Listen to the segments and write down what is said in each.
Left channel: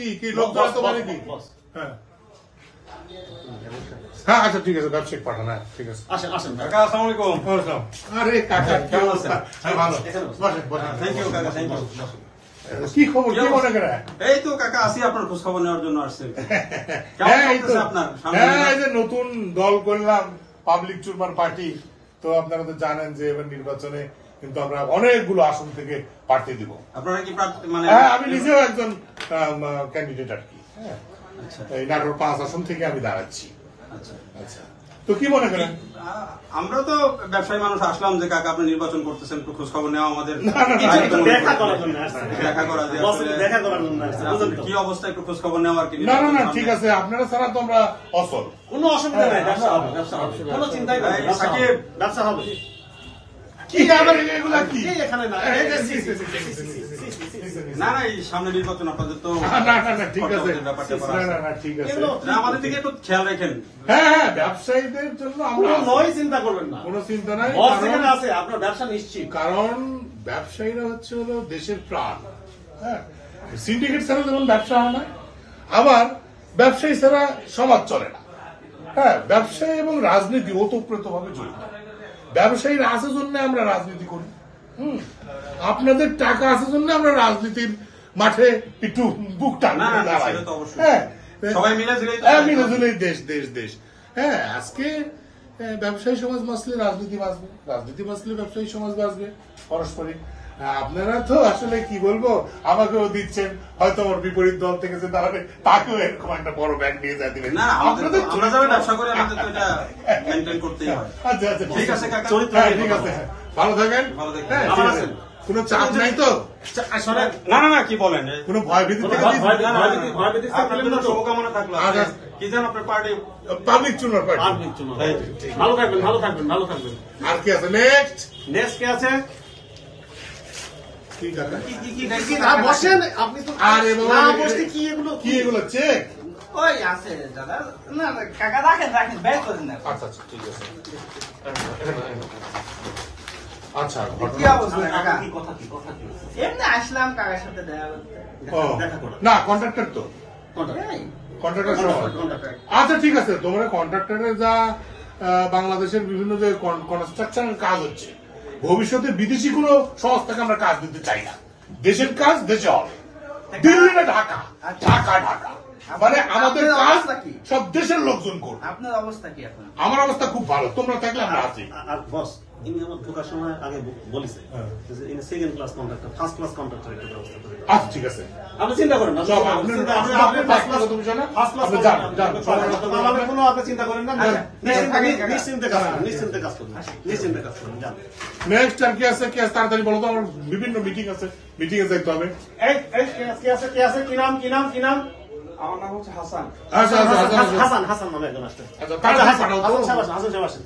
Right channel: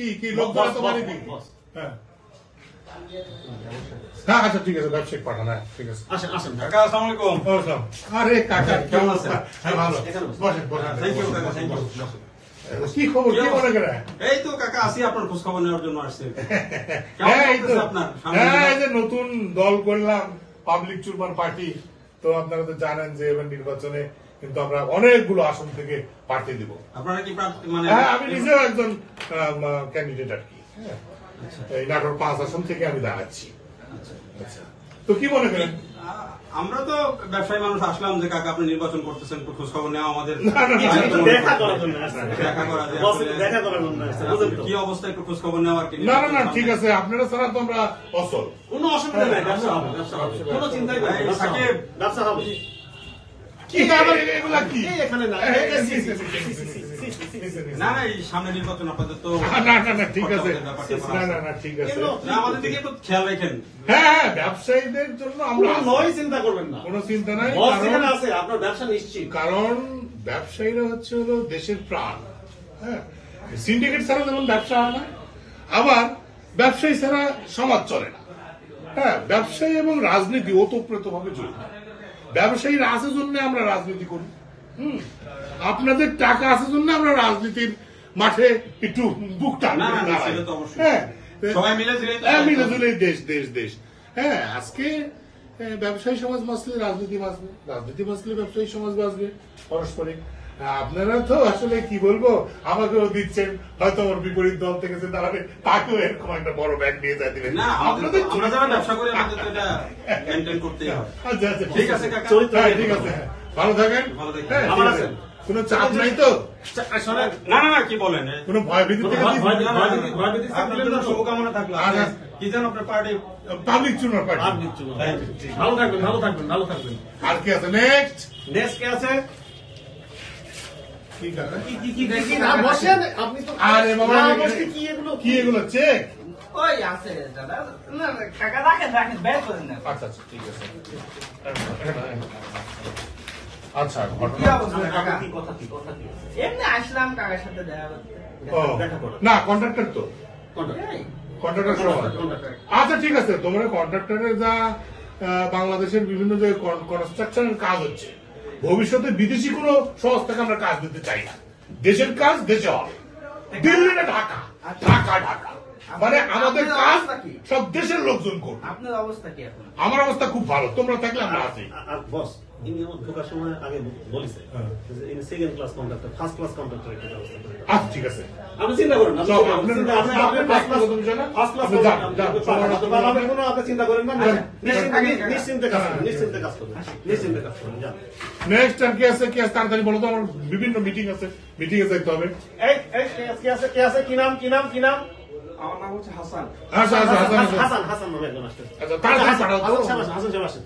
কি কি লোকজন এত মানে কি? হ্যাঁ হ্যাঁ আচ্ছা ঠিক আছে, ব্যবসায়িক পাঠান। হ্যাঁ ঠিক আছে, আসেন আসেন কাকা আসসালামু আলাইকুম। আরে কাকা কেমন আছেন? হ্যাঁ ভালো, বসেন বসেন। থ্যাংক ইউ কাকা, থ্যাংক ইউ। কি খবর, কি মনে করে? এই তো কাকা আসি আপনার খোঁজ খবর নেওয়ার জন্য আসছে। হ্যাঁ এই তো, আপনার হ্যাঁ এই যে নতুন দল করলাম পাবলিক চুরমার পার্টি। তো আপনারা তো জানেন যে এবার নির্বাচনে কিন্তু আমরা অনেকগুলো আসন থেকে প্রার্থী দিব। আপনারা কি মানে হ্যাঁ আমি নিজেও একজন ক্যান্ডিডেট আর কি। হ্যাঁ আচ্ছা এই নাটোর 5 আসন থেকে আমি দাঁড়াচ্ছি। আচ্ছা আচ্ছা তো কি মনে করেন? আমরা তো ব্যবসায়ী মানুষ আসলাম যে কাকা আপনি নির্বাচন করতেছেন, একটু খোঁজ খবর নেওয়া আমাদের না, না, দেখা করার জন্য আসছে। দেখা করা যে আসলে দেখা করার জন্য আসছে, বুঝলেন তো? কি অবস্থা একটু খোঁজ খবর নেওয়া আর কি। না না না ঠিক আছে, আপনারা ছাড়া তো আমরা অসল। কোনো অসুবিধা নেই, ব্যবসা হবে, ব্যবসা হবে। কোনো চিন্তাই নেই, ব্যবসা হবে। ব্যবসা হবে। কি এগুলা কি? এখানে না, না না এই সামনে নির্বাচন আপনাদের তো না না না ঠিক আছে, ব্যাপারটা না না না ঠিক আছে। না, আমাদের দিকে একটু খেয়াল রাখেন। হ্যাঁ হ্যাঁ ব্যবসায়ীদের জন্য আমরা কোনো নয় চিন্তা করবেন না। কোনো চিন্তা নাই, বস কারণ যেখানে আছে আপনার ব্যবসা নিশ্চিত। কারণ ব্যবসায়ীরা হচ্ছে হলো দেশের প্রাণ। হ্যাঁ সিন্ডিকেট ছাড়া যেমন ব্যবসা হয় না, আবার ব্যবসায়ী ছাড়া সমাজ চলে না। হ্যাঁ ব্যবসায়ী এবং রাজনীতি ওতপ্রোত ভাবে জড়িত। ব্যবসায়ীর আছে জন্য আমরা রাজনীতি করি। আপনাদের টাকা আছে জন্য আমরা রাজনীতির মাঠে একটু বুক টান না, না, দাঁড়াই। সেটা তো অবশ্যই। হ্যাঁ সবাই মিলে ঝুলেই তো হ্যাঁ, মিলে ঝুলেই দেশ দেশ দেশ। হ্যাঁ আজকে ব্যবসায়ী সমাজ বাঁচলে রাজনীতি বাঁচবে, রাজনীতি বাঁচলে ব্যবসায়ী সমাজ বাঁচবে পারস্পরিক। আপনারা তো আসলে কি বলবো, আমাকেও দিচ্ছেন, হয়তো আমার বিপরীত দল থেকে যে তাহলে তাকেও এরকম একটা বড় ব্যাগ নিয়ে যা দিবেন। না, আপনাদের আমরা যারা ব্যবসা করি আমাদের তো এটা মেনটেন করতেই হয়। আচ্ছা আচ্ছা ঠিক আছে কাকা। হ্যাঁ, ঠিক আছে, ভালো থাকেন। ভালো থাকেন। হ্যাঁ, ঠিক ভালো আছে। আছেন। কোনো চাপ নাই তো, না না না কি বলেন, কোনো ভয় ভীতি থেকে আপনাদের জন্য শুভকামনা থাকলো। আচ্ছা। কি যেন আপনার পার্টি পাবলিক চুনার পার্টি। ভালো থাকবেন, ভালো থাকবেন, ভালো থাকবেন। আর কি আছে নেক্সট? দেশ কে আছে? কি টাকা? আর বসেন, আপনি তো আরে বাবা, না বসতে কি এগুলো? কি এগুলো চেক? ওই আছে দাদা, না না, কাকা রাখেন রাখেন, বের করেন না। আচ্ছা আচ্ছা ঠিক আছে। আচ্ছা কি ঘটনা অবস্থা কাকা? কি কথা কি কথা কি? এমনি আসলাম কাকার সাথে দেখা করতে। ও, না কন্ট্রাক্টর তো, এই, কন্ট্রাক্টর সমাজ। আচ্ছা ঠিক আছে, তোমরা কন্ট্রাক্টরের যা বাংলাদেশের বিভিন্ন যে কনস্ট্রাকশনের কাজ হচ্ছে, ভবিষ্যতে বিদেশি কোনো সংস্থাকে আমরা কাজ দিতে চাই না। দেশের কাজ দেশে হবে, দিল্লি না ঢাকা, ঢাকা ঢাকা, মানে আমাদের কাজ সব দেশের লোকজন করবে। আপনার অবস্থা কি এখন? আমার অবস্থা খুব ভালো, তোমরা থাকলে আমরা আছি। আর বস ইনি আমার ঢোকার সময় আগে বলেছে যে ইনি second class contractor, first class contractor একটা ব্যবস্থা করে। আচ্ছা ঠিক আছে, আপনি চিন্তা করেন না, সব আপনার ফার্স্ট ক্লাস তুমি জানো, আপনি যান যান, আমাদের কোনো আপনি চিন্তা করেন না, নিশ্চিন্তে কাজ করুন, নিশ্চিন্তে কাজ করুন, নিশ্চিন্তে কাজ করুন। যান। নেক্সট আর কি আছে, কি আছে তাড়াতাড়ি বলো তো, আমার বিভিন্ন মিটিং আছে, মিটিং এ যাইতে হবে। এই কে আছে কে আছে, কি নাম কি নাম কি নাম? আমার নাম হচ্ছে হাসান। আচ্ছা আচ্ছা হাসান আছে। হাসান হাসান নামে একজন আসছে। আচ্ছা তাড়াতাড়ি পাঠাও তো। হাসান সাহেব আসেন, হাসান সাহেব আসেন।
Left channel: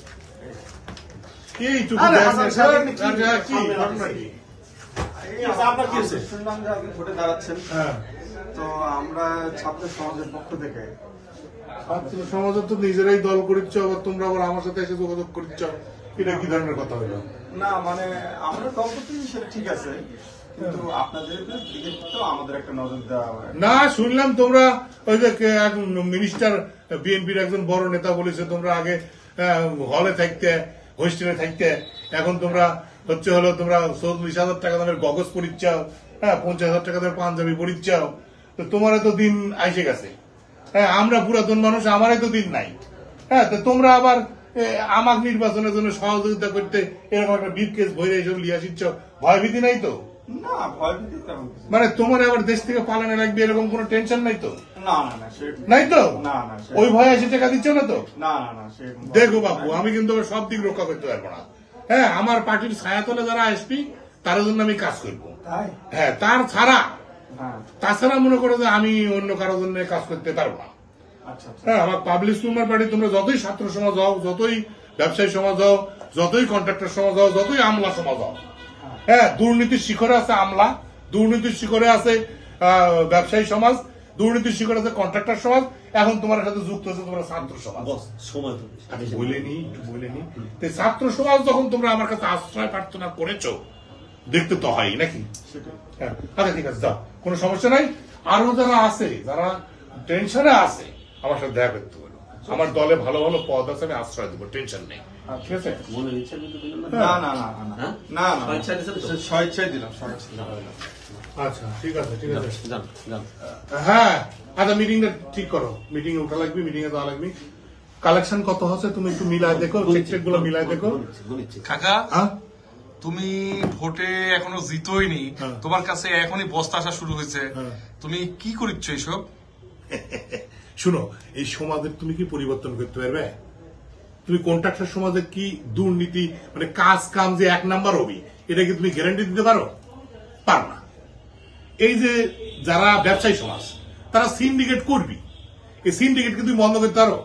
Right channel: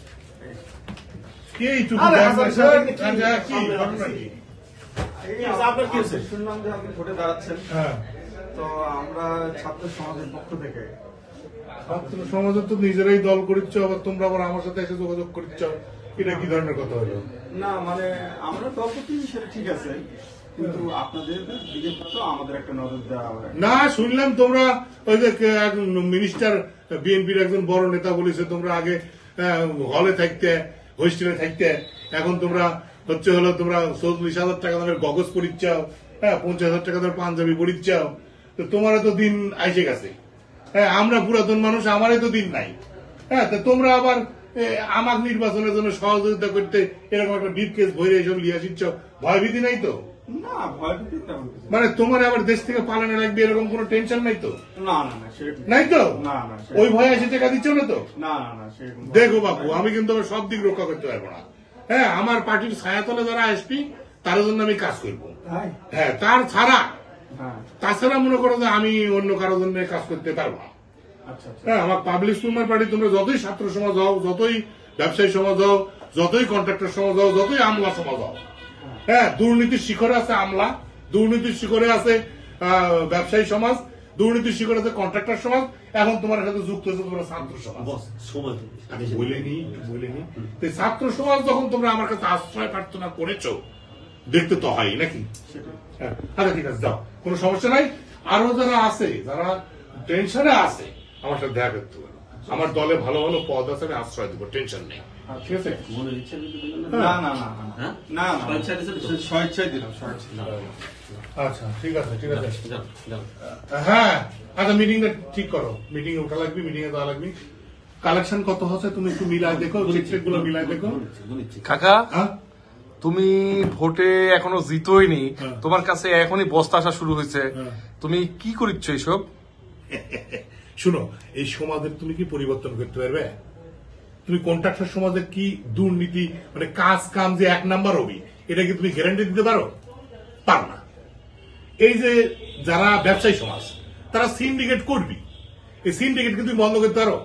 কি এইটুকু আরে দেন হাসান না, সাহেব, স্যার? কি- আচ্ছা, কি ঘটনা কি? কি হয়েছে? আপনার কি হয়েছে? শুনলাম যে আপনি ভোটে দাঁড়াচ্ছেন, হ্যাঁ তো আমরা ছাত্র সমাজের পক্ষ থেকে ছাত্র সমাজ তো নিজেরাই দল করিচ্ছ, আবার তোমরা আবার আমার সাথে এসে যোগাযোগ করিচ্ছ, এটা কি ধরনের কথা হলো? না মানে আমরা দল করতেছি সেটা ঠিক আছে, কিন্তু আপনাদের দিকে তো আমাদের একটা নজর দেওয়া হয়। না শুনলাম তোমরা ওই যে মিনিস্টার বিএনপির একজন বড় নেতা বলেছে তোমরা আগে হলে থাকতে, হোস্টেলে থাকতে, এখন তোমরা হচ্ছে হলো তোমরা 40,000 টাকা দামের গগজ পরিচ্ছাও, হ্যাঁ 50,000 টাকা দামের পাঞ্জাবি পরিচ্ছাও, তো তোমারও তো দিন আইসে গেছে। হ্যাঁ আমরা পুরাতন মানুষ, আমারই তো দিন নাই। হ্যাঁ তো তোমরা আবার আমার নির্বাচনের জন্য সহযোগিতা করতে এরকম একটা বিপ কেস ভরে এসব লিয়ে আসিচ্ছ, ভয়ভীতি নাই তো? না ভয়ভীতি তেমন কিছু মানে তোমার আবার দেশ থেকে পালানো লাগবে এরকম কোনো টেনশন নাই তো? না না না সে নাই তো? না না সে ওই ভয়ে এসে টাকা দিচ্ছ না তো? না না না সেরকম দেখো বাবু, আমি কিন্তু আবার সব দিক রক্ষা করতে পারবো না। হ্যাঁ আমার পার্টির ছায়াতলে যারা আসবি তার জন্য আমি কাজ করবো। তাই হ্যাঁ তার ছাড়া, হ্যাঁ তাছাড়া মনে করো যে আমি অন্য কারোর জন্য কাজ করতে পারবো না। আচ্ছা আচ্ছা হ্যাঁ আমার পাবলিক সুমার পার্টি তোমরা যতই ছাত্র সমাজ হও, যতই ব্যবসায়ী সমাজ হও, যতই কন্ট্রাক্টর সমাজ হও, যতই আমলা সমাজ হও, হ্যাঁ দুর্নীতির শিখরে আছে আমলা, দুর্নীতির শিখরে আছে ব্যবসায়ী সমাজ, দুর্নীতির শিখরে আছে কন্ট্রাক্টর সমাজ, এখন তোমার সাথে যুক্ত হচ্ছে তোমরা ছাত্র সমাজ। বস সময় তো বলেনি বলেনি তো ছাত্র সমাজ যখন তোমরা আমার কাছে আশ্রয় প্রার্থনা করেছো, দেখতে তো হয় নাকি? সেটাই হ্যাঁ, আচ্ছা ঠিক আছে যাও, কোনো সমস্যা নাই। আরো যারা আছে, যারা টেনশনে আছে, আমার সাথে দেখা করতে পারো। আমার দলে ভালো ভালো পদ আছে, আমি আশ্রয় দেবো, টেনশন নেই। ঠিক আছে? মনের ইচ্ছা কিন্তু দিলেন না? না না না না হ্যাঁ? না না স্বেচ্ছা দিছেন তো? স্বেচ্ছায় দিলাম, স্বেচ্ছায়। আচ্ছা, ঠিক আছে, ঠিক আছে। যান, যান। হ্যাঁ, আচ্ছা, মিটিংটা ঠিক করো। মিটিং এ ওঠা লাগবে, মিটিং এ যাওয়া লাগবে। কালেকশন কত হচ্ছে তুমি একটু মিলায় দেখো, চেক গুলো মিলায় দেখো। গুনিচ্ছি। কাকা, হ্যাঁ, তুমি ভোটে এখনো জিতোইনি, হ্যাঁ। তোমার কাছে এখনই বস্তা আসা শুরু হয়েছে, হ্যাঁ। তুমি কি করিচ্ছ এইসব? শুনো, এই সমাজের তুমি কি পরিবর্তন করতে পারবে? তুমি কন্ট্রাক্টর সমাজের কি দুর্নীতি, মানে কাজ কাম যে 1 নাম্বার হবে, এটা কি তুমি গ্যারান্টি দিতে পারো? পারো না। এই যে যারা ব্যবসায়ী সমাজ, তারা সিন্ডিকেট করবি, এই সিন্ডিকেট কি তুমি বন্ধ করতে পারো?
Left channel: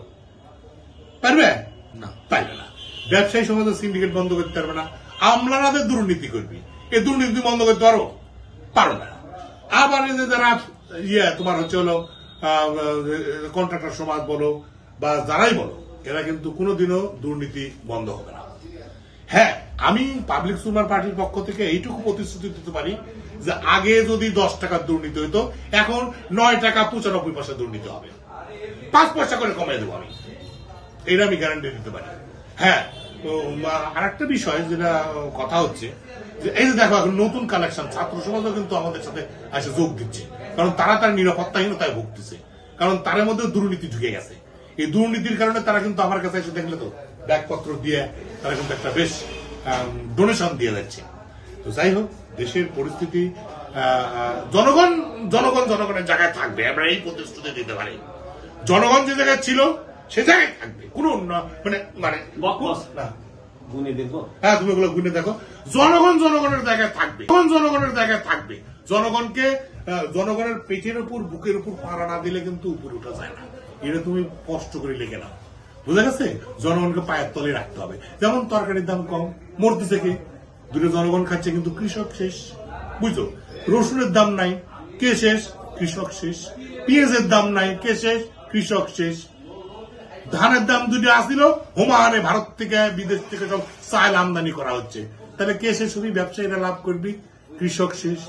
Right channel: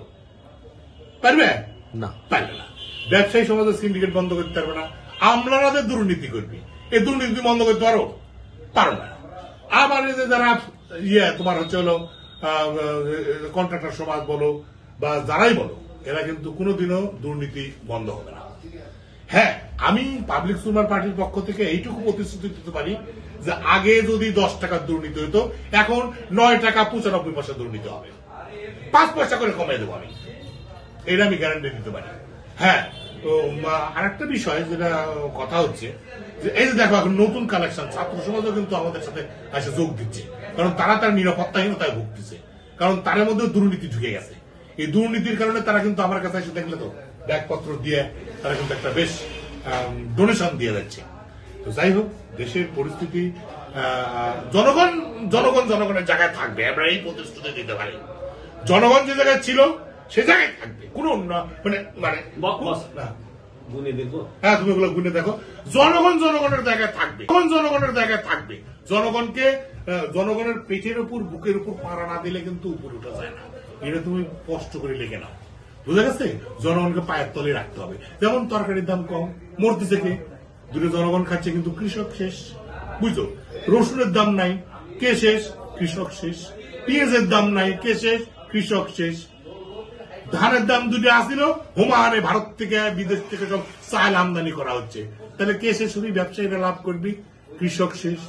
পারবে না। পারবে না। ব্যবসায়ী সমাজের সিন্ডিকেট বন্ধ করতে পারবে না। আমলারাদের দুর্নীতি করবি, এই দুর্নীতি তুমি বন্ধ করতে পারো? পারো না। আবার এই যে যারা তোমার হচ্ছে হলো কন্ট্রাক্টর সমাজ বলো বা যারাই বলো, এরা কিন্তু কোনোদিনও দুর্নীতি বন্ধ হবে না। হ্যাঁ, আমি পাবলিক সুপার পার্টির পক্ষ থেকে এইটুকু প্রতিশ্রুতি দিতে পারি যে আগে যদি 10 টাকার দুর্নীতি হইতো, এখন 9 টাকা 95 পয়সা দুর্নীতি হবে। 5 পয়সা করে কমিয়ে দেবো আমি, এটা আমি গ্যারান্টি দিতে পারি। হ্যাঁ, তো আরেকটা বিষয় যেটা কথা হচ্ছে যে এই যে দেখো, এখন নতুন কালেকশন ছাত্র সমাজও কিন্তু আমাদের সাথে এসে যোগ দিচ্ছে, কারণ তারা তার নিরাপত্তাহীনতায় ভুগতেছে, কারণ তার মধ্যে দুর্নীতি ঢুকে গেছে। এই দুর্নীতির কারণে তারা কিন্তু আমার কাছে এসে দেখলে তো ব্যাগপত্র দিয়ে তারা কিন্তু একটা বেশ ডোনেশন দিয়ে যাচ্ছে। তো যাই হোক, দেশের পরিস্থিতি, জনগণের জায়গায় থাকবে, আমরা এই প্রতিশ্রুতি দিতে পারি। জনগণ যে জায়গায় ছিল সে জায়গায় থাকবে, কোন মানে বস, না। গুনিয়ে দেখবো। হ্যাঁ, তুমি ওগুলো গুনে দেখো। জনগণের জায়গায় থাকবে, জনগণের জায়গায় থাকবে। জনগণকে জনগণের পেটের উপর, বুকের উপর পাড়া না দিলে কিন্তু উপরে উঠা যায় না। এটা তুমি কষ্ট করে লিখে নাও, বুঝা গেছে? জনগণকে পায়ের তলে রাখতে হবে। যেমন তরকারির দাম কম, মরতেছে কে? দুটো জনগণ খাচ্ছে, কিন্তু কৃষক শেষ। বুঝছো? রসুনের দাম নাই, কে শেষ? কৃষক শেষ। পেঁয়াজের দাম নাই, কে শেষ? কৃষক শেষ। ধানের দাম দুটো আসছিল, হুমাহানে ভারত থেকে বিদেশ থেকে সব চাল আমদানি করা হচ্ছে, তাহলে কে শেষ হবি? ব্যবসায়ীরা লাভ করবি, কৃষক শেষ।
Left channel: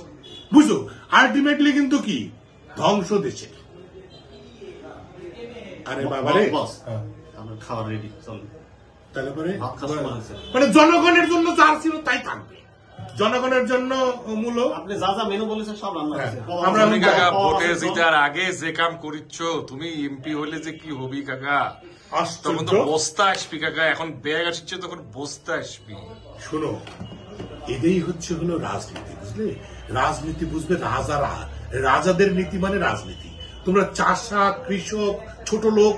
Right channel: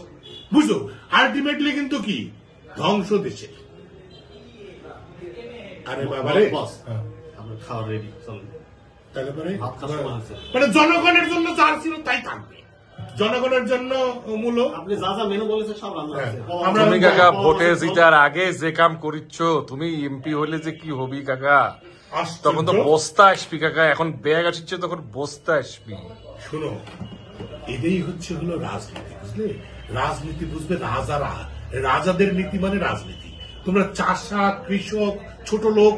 বুঝছো? আলটিমেটলি কিন্তু কি ধ্বংস দেশে। আরে বাবারে, বস, আমার খাওয়া রেডি, চলুন। তাহলে করে ভাত খাওয়ার সময় আছে। মানে জনগণের জন্য যা ছিল তাই থাকবে, জনগণের জন্য মূল্য। আপনি যা যা মেনু বলেছেন সব রান্না হ্যাঁ, আছে। আমরা- তুমি কাকা ভোটে জিতার আগে যে কাম করিচ্ছ, তুমি এমপি হইলে যে কি হবি কাকা, তখন তো আশ্চর্য। বস্তা আসবি কাকা, এখন ব্যাগ আসছে তখন বস্তা আসবি। শোনো, এটাই হচ্ছে হলো রাজনীতি, বুঝলে? রাজনীতি বুঝবে রাজারা, রাজাদের নীতি মানে রাজনীতি। তোমরা চাষা, কৃষক, ছোট লোক,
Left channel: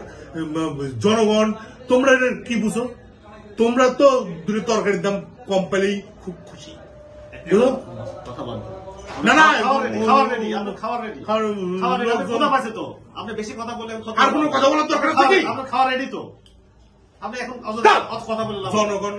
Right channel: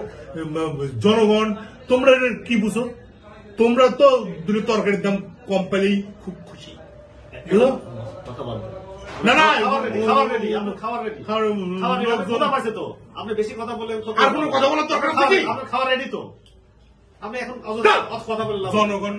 জনগণ, তোমরা এটা কি বুঝো? তোমরা তো দুটো তরকারির দাম কম পেলেই খুব খুশি, বুঝো? কথা বলেন। না, না, খাওয়া রেডি, আপনার খাওয়া রেডি। লোকজন- কথা পাইছে তো, আপনি বেশি কথা বললেন। আর কোনো কথা বলার দরকার আছে কি? আপনার খাওয়া রেডি তো, আপনি এখন দাও। কথা বললেন। জনগণ